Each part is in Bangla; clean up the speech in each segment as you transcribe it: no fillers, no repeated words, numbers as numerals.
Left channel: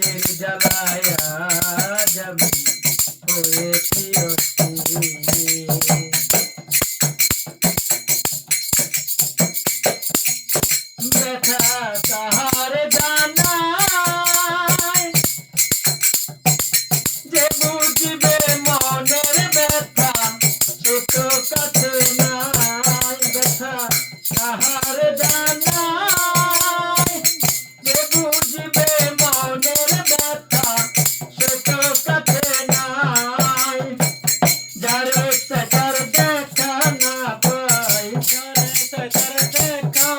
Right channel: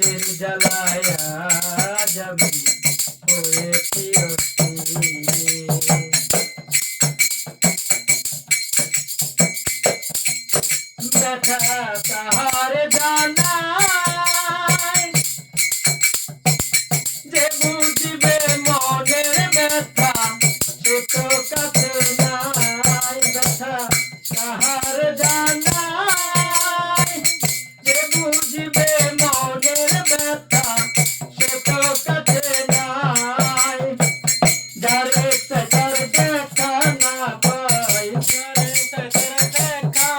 বিষের জ্বালায় আজ আমি হয়েছি অস্থির। ব্যথা কাহার জানায়, যে বুঝবে মনের ব্যথা ছোট কাছে নাই। ব্যথা কাহার জানায়, যে বুঝবে মনের ব্যথা ছোট কাছে নাই। যারে তার দেখা না পাই, যারে তার দেখা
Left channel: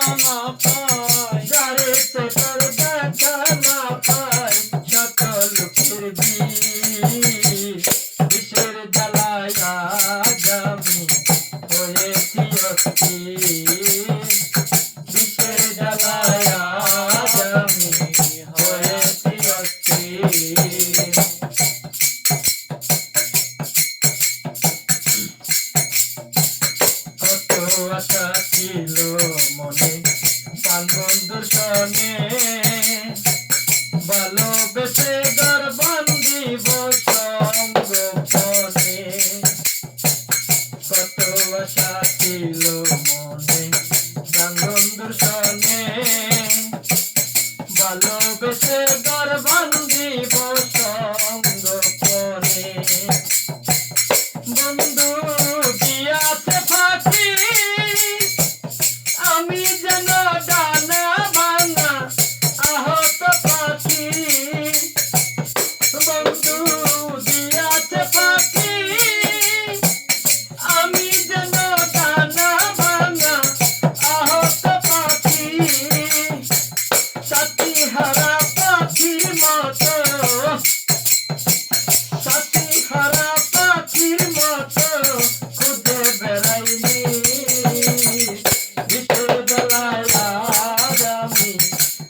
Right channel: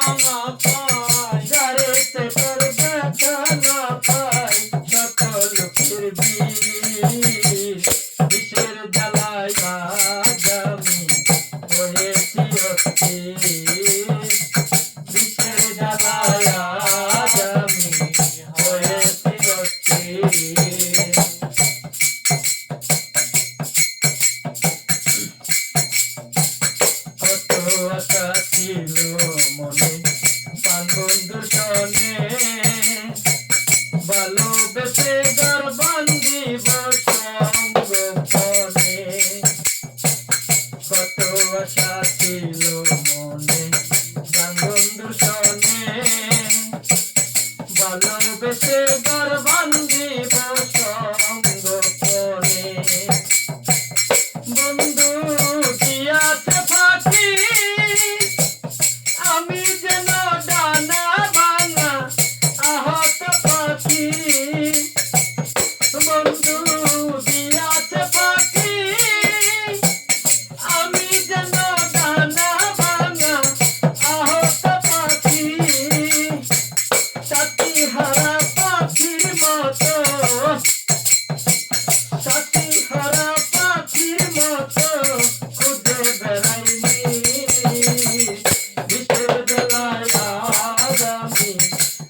না পাই, সকল ফিরবি বিষের জ্বালায় আজ আমি হয়েছি অস্থির। বিষের জ্বালায় আজ আমি হয়েছি অস্থির। কত আশা ছিল মনে প্রাণ বন্ধুর সনে, ভালোবেসে ঘর বান্ধিব সঙ্গোপনে। কত আশা ছিল মনে প্রাণ বন্ধুর সনে, ভালোবেসে ঘর বান্ধিব সঙ্গোপনে। বন্ধু দিয়াছে ফাঁকি, আমি যেন ডানা ভাঙা আহত পাখি। বন্ধু দিয়াছে ফাঁকি, আমি যেন ডানা ভাঙা আহত পাখি। সাথী হারা পাখির মতো, সাথী হারা পাখির মতো খুঁজে বেড়াইনি। বিষের জ্বালায় আজ আমি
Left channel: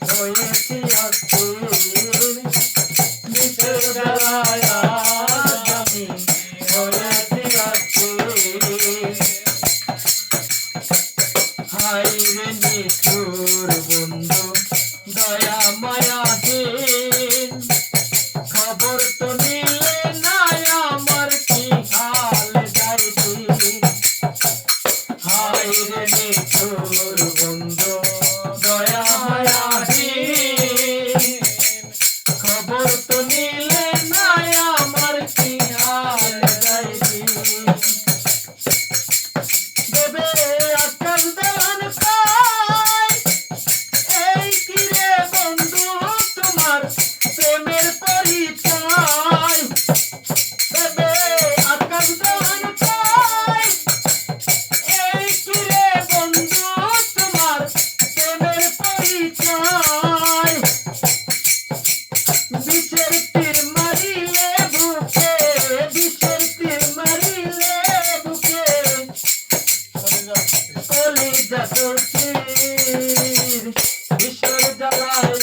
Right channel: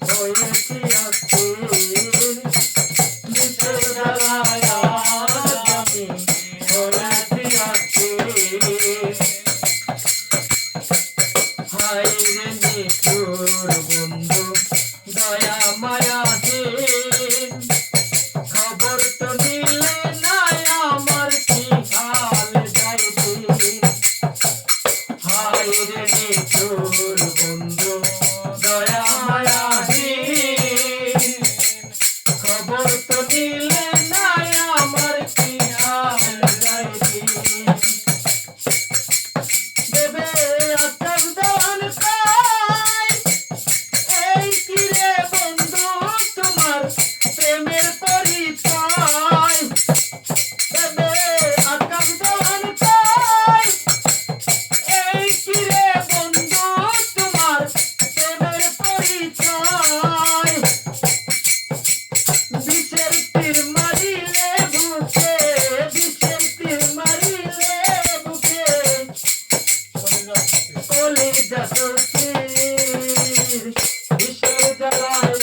হয়েছি অস্থির। বিষের জ্বালায় আজ আমি হয়েছি অস্থির। হায় রে নিঠুর বন্ধু দয়া মায়াহীন, খবর তো নিলে না আমার কি হাল যায় দিন। হায় রে নিঠুর বন্ধু দয়া মায়াহীন, খবর তো নিলে না আমার কি হাল যায় দিন। দেবে আকাশ দান পায়, এই কি রে বন্ধু তোমার প্রেমের পরিচয়। দেবে আকাশ দান পায়, এই কি রে বন্ধু তোমার প্রেমের পরিচয়। বিষের তীর মারিলে বুকে, বিষের তীর মারিলে বুকে, কলিজা চলছির। বিষের জ্বালায়